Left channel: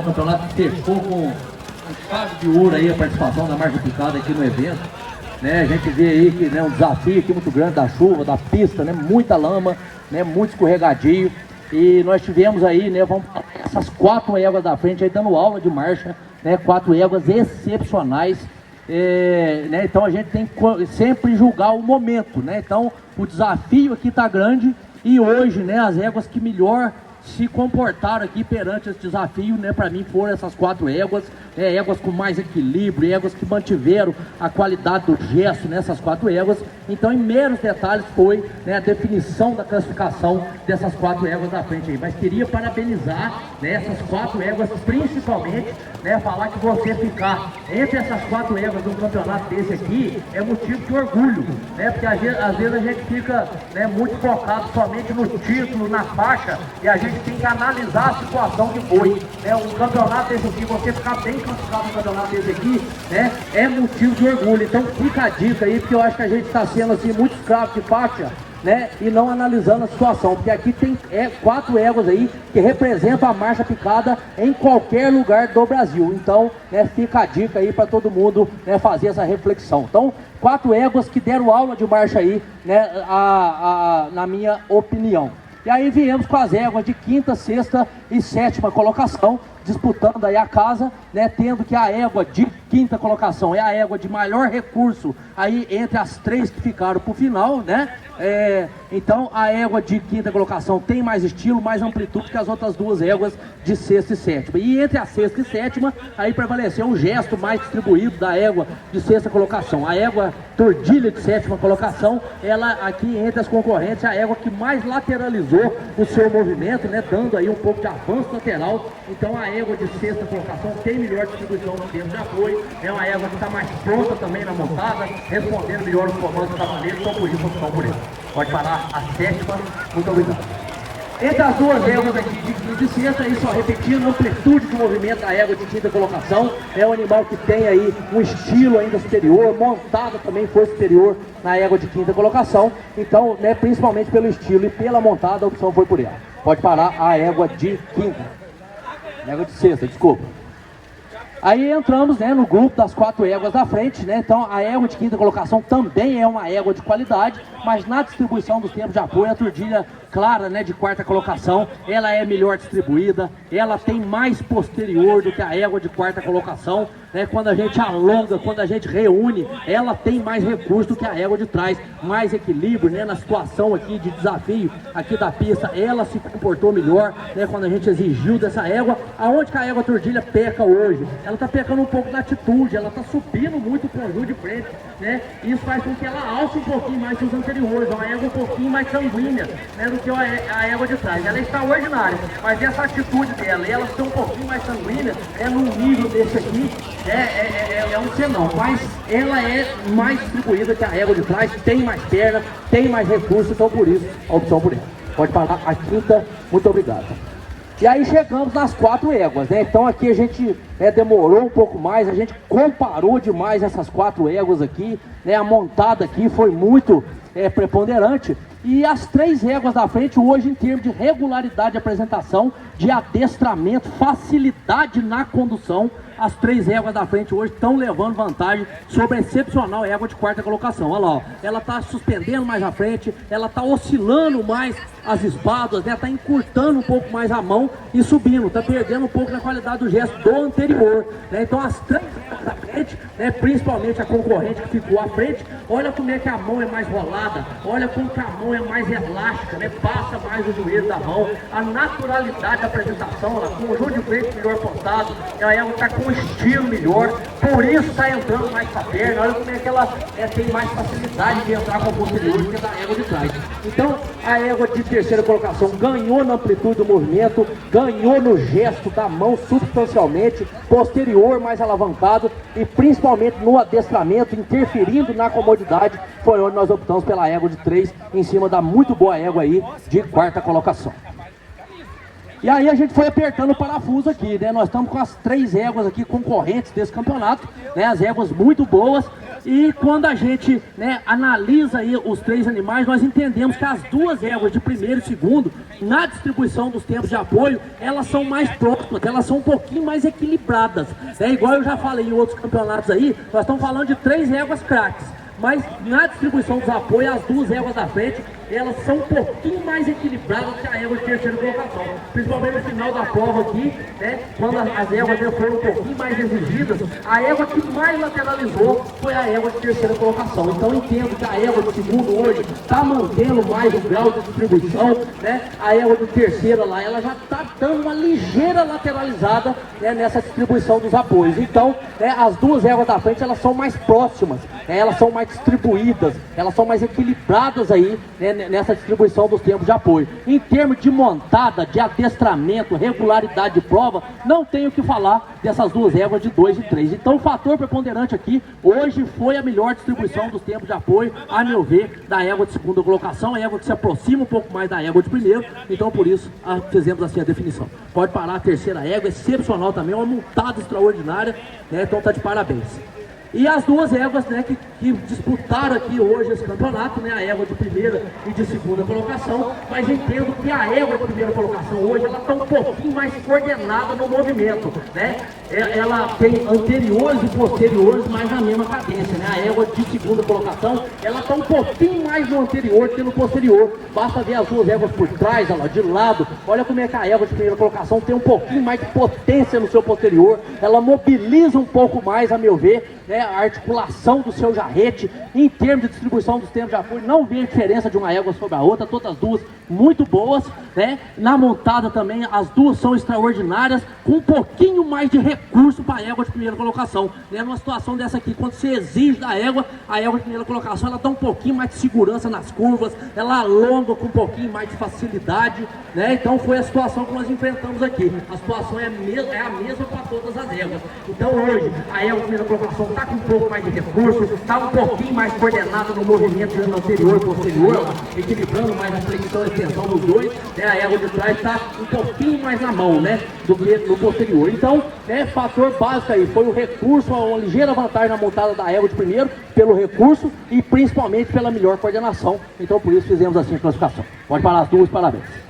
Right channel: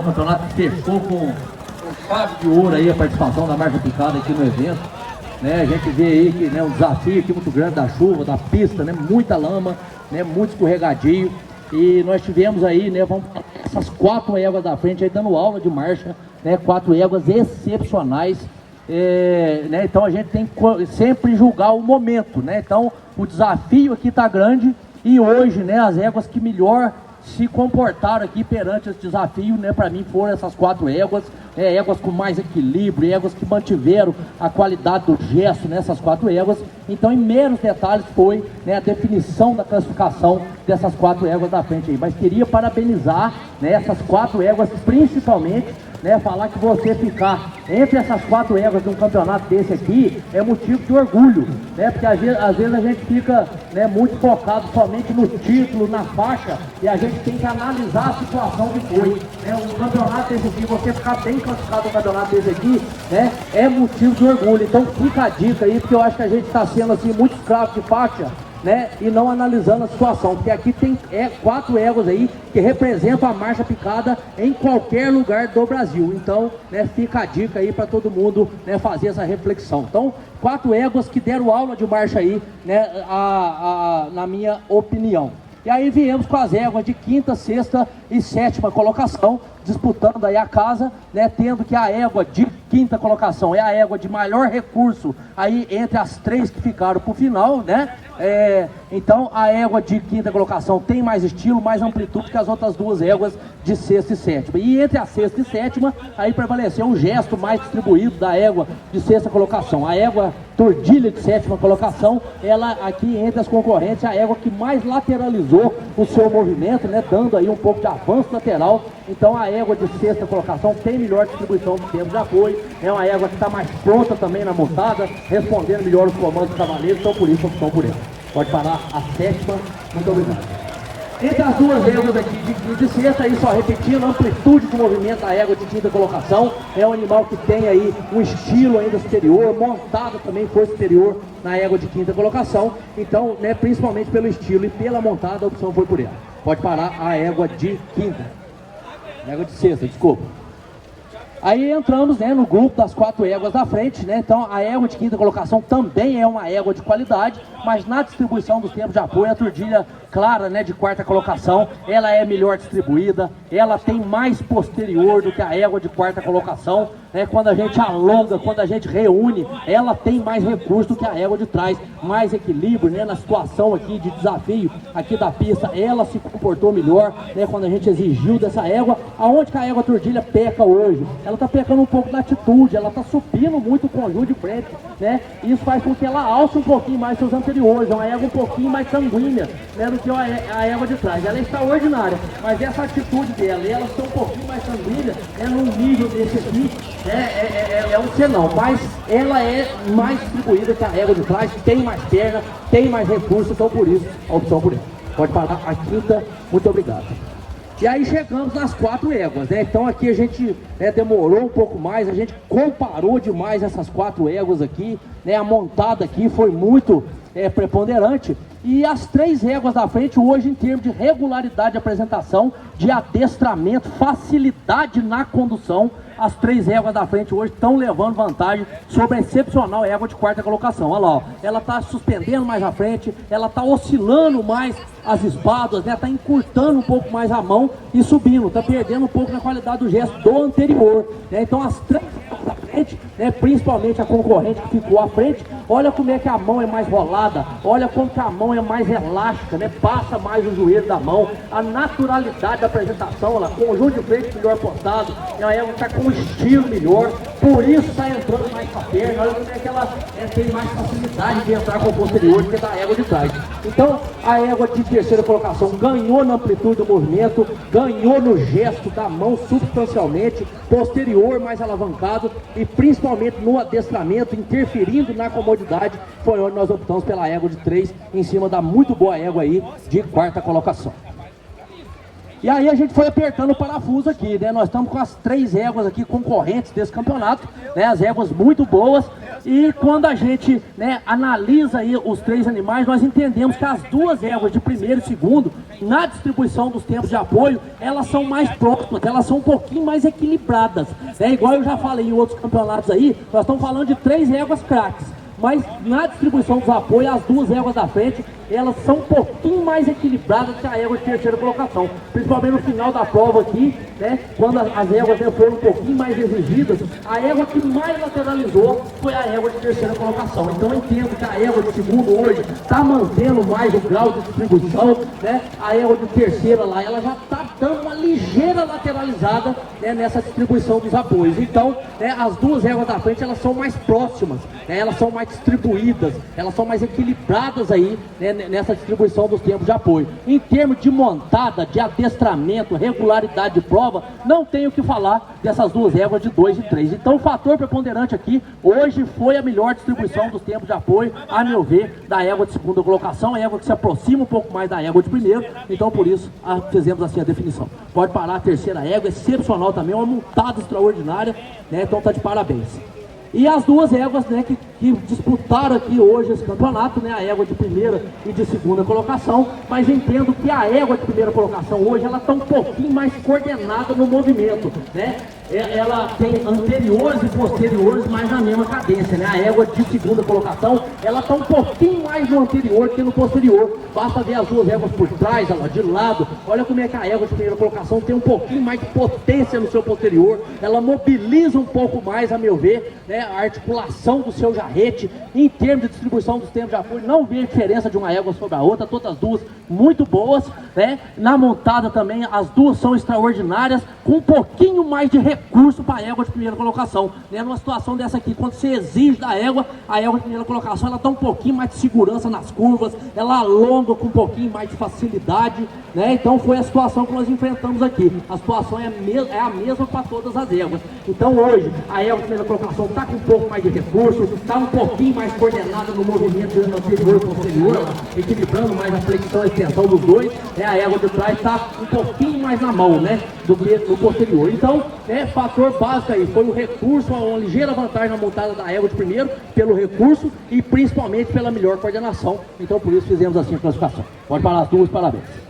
O campeonato fechou com chave de ouro aí a participação da marcha picada aqui no evento, né? A gente vê aí que, né, um desafio aqui muito grande da chuva, da pista, né? Muita lama, né? Muito escorregadio. E nós tivemos aí, né? Vamos essas 4 éguas da frente aí dando aula de marcha, né? 4 éguas excepcionais. Né? Então a gente tem que sempre julgar o momento, né? Então o desafio aqui está grande e hoje, né? As éguas que melhor se comportaram aqui perante esse desafio, né, para mim foram essas 4 éguas, éguas com mais equilíbrio, éguas que mantiveram a qualidade do gesto nessas 4 éguas. Então, em meros detalhes foi, né, a definição da classificação dessas 4 éguas da frente aí. Mas queria parabenizar, né, essas 4 éguas, principalmente, né, falar que você ficar entre essas 4 éguas num campeonato desse aqui é motivo de orgulho, né, porque às vezes a gente fica, né, muito focado somente no título, na faixa, e a gente tem que analisar a situação que foi, né, um campeonato desse aqui, você ficar bem classificado no campeonato desse aqui, né, é motivo de orgulho. Então fica a dica aí, porque eu acho que a gente está sendo assim muito escravo de faixa, né, e não analisando a situação, porque aqui tem 4 éguas aí que representam a marcha picada em qualquer lugar do Brasil. Então, né, fica a dica aí para todo mundo, né, fazer essa reflexão. Então, 4 éguas que deram aula de marcha aí, né, na minha opinião. E aí viemos com as éguas de 5ª, 6ª e 7ª colocação, disputando aí a casa, né, tendo que a égua de 5ª colocação é a égua de maior recurso aí entre as 3 que ficaram para o final, né? Então a égua de 5ª colocação tem mais estilo, mais amplitude que as outras 2 éguas de 6ª e 7ª. E entre a 6ª e 7ª, aí prevaleceu o gesto mais distribuído da égua de 6ª colocação. A égua Tordilha de 7ª colocação, ela aqui entre as concorrentes é a égua que mais lateralizou o seu movimento, né, dando aí um pouco de avanço lateral. Então a égua de 6ª colocação tem melhor distribuição de tempo de apoio, é uma égua que está mais pronta também na montada, respondendo melhor os comandos do cavaleiro, então por isso opção por ele. Pode parar a 7ª, muito obrigado. Entre as 2 éguas aqui de 5ª e 6ª, aí só repetindo, a amplitude do movimento da égua de 5ª colocação, é um animal que tem aí um estilo ainda superior, montada também foi superior na égua de 5ª colocação, então, né, principalmente pelo estilo e pela montada, a opção foi por ela. Pode parar a égua de 5ª, égua de 6ª, desculpa. Aí entramos, né, no grupo das 4 éguas da frente, né? Então a égua de 5ª colocação também é uma égua de qualidade, mas na distribuição dos tempos de apoio, a Tordilha clara, né, de 4ª colocação, ela é melhor distribuída, ela tem mais posterior do que a égua de 4ª colocação, né? Quando a gente alonga, quando a gente reúne, ela tem mais recurso do que a égua de trás, mais equilíbrio, né, na situação aqui de desafio aqui da pista, ela se comportou melhor, né, quando a gente exigiu dessa égua. Aonde que a égua Tordilha peca hoje? Ela está pecando um pouco da atitude, ela está subindo muito o conjunto de frente, né? Isso faz com que ela alce um pouquinho mais seus anteriores, é uma égua um pouquinho mais sanguínea, né, do que a égua de trás. Ela é extraordinária, mas essa atitude dela, ela ser um pouquinho mais sanguínea, num nível desse aqui, é um senão, mas ela é mais distribuída que a égua de trás, tem mais perna, tem mais recursos, então por isso a opção por ele. Pode parar a 5ª, muito obrigado. E aí chegamos nas 4 éguas, né? Então aqui a gente demorou um pouco mais, a gente comparou demais essas 4 éguas aqui, né? A montada aqui foi muito preponderante. E as 3 éguas da frente hoje, em termos de regularidade de apresentação, de adestramento, facilidade na condução, as 3 éguas da frente hoje estão levando vantagem sobre a excepcional égua de 4ª colocação. Olha lá, ó, ela está suspendendo mais à frente, ela está oscilando mais as espadas, né? Está encurtando um pouco mais a mão e subindo, está perdendo um pouco na qualidade do gesto do anterior, né? Então as 3 éguas da frente, né, principalmente a concorrente que ficou à frente, olha como é que a mão é mais rolada, olha como que a mão é mais elástica, né? Passa mais o joelho da mão, a naturalidade da apresentação, olha, conjunto de frente melhor postado, é uma égua que está com estilo melhor, por isso está entrando mais para a perna, olha como é que ela tem mais facilidade de entrar com o posterior do que da égua de trás. Então a égua de 3ª colocação ganhou na amplitude do movimento, ganhou no gesto da mão substancialmente, posterior mais alavancado e principalmente no adestramento, interferindo na comodidade, foi onde nós optamos pela égua de 3 em cima da muito boa égua aí de 4ª colocação. E aí a gente foi apertando o parafuso aqui, né? Nós estamos com as 3 éguas aqui concorrentes desse campeonato, né? As éguas muito boas. E quando a gente, né, analisa aí os 3 animais, nós entendemos que as 2 éguas de primeiro e segundo, na distribuição dos tempos de apoio, elas são mais próximas, elas são um pouquinho mais equilibradas. É igual eu já falei em outros campeonatos aí, nós estamos falando de 3 éguas craques. Mas na distribuição dos apoios, as 2 éguas da frente, elas são um pouquinho mais equilibradas que a égua de terceira colocação. Principalmente no final da prova aqui, né? Quando as éguas foram um pouquinho mais exigidas, a égua que mais lateralizou foi a égua de terceira colocação. Então eu entendo que a égua de segundo hoje está mantendo mais o grau de distribuição, né? A égua de terceira lá, ela já está dando uma ligeira lateralizada, né, nessa distribuição dos apoios. Então, né, as 2 éguas da frente, elas são mais próximas, né? Elas são mais distribuídas, elas são mais equilibradas aí, né, nessa distribuição dos tempos de apoio. Em termos de montada, de adestramento, regularidade de prova, não tenho o que falar dessas 2 éguas de 2 e 3. Então o fator preponderante aqui, hoje foi a melhor distribuição dos tempos de apoio, a meu ver, da égua de segunda colocação, a égua que se aproxima um pouco mais da égua de primeiro, então por isso fizemos assim a definição. Pode parar a terceira égua, excepcional também, uma montada extraordinária, né, então tá de parabéns. E as 2 éguas, né, que disputaram aqui hoje esse campeonato, né, a égua de primeira e de segunda colocação, mas entendo que a égua de primeira colocação hoje, ela está um pouquinho mais coordenada no movimento, né? Ela tem anteriores e posteriores, mas na mesma cadência, né? A égua de segunda colocação, ela está um pouquinho mais no anterior que no posterior. Basta ver as 2 éguas por trás, ó, de lado. Olha como é que a égua de primeira colocação tem um pouquinho mais de potência no seu posterior. Ela mobiliza um pouco mais, a meu ver, né, a articulação do seu jarrete. Em termos de distribuição dos tempos de apoio, não vi a diferença de uma égua sobre a outra, todas as 2 muito boas, né? Na montada também, as 2 são extraordinárias, com um pouquinho mais de recurso para a égua de primeira colocação, né? Numa situação dessa aqui, quando você exige da égua, a égua de primeira colocação, ela dá um pouquinho mais de segurança nas curvas, ela alonga com um pouquinho mais de facilidade, né? Então foi a situação que nós enfrentamos aqui. A situação é a mesma para todas as éguas. Então hoje, a égua de primeira colocação está com um pouco mais de recurso, está um pouquinho mais coordenada no movimento anterior e posterior, equilibrando mais a flexão e extensão dos 2, né? A égua de trás está um pouquinho mais na mão, né, do que no posterior. Então, fator básico aí foi o recurso, uma ligeira vantagem na montada da égua de primeiro, pelo recurso e principalmente pela melhor coordenação. Então por isso fizemos assim a classificação. Pode parar as 2, parabéns.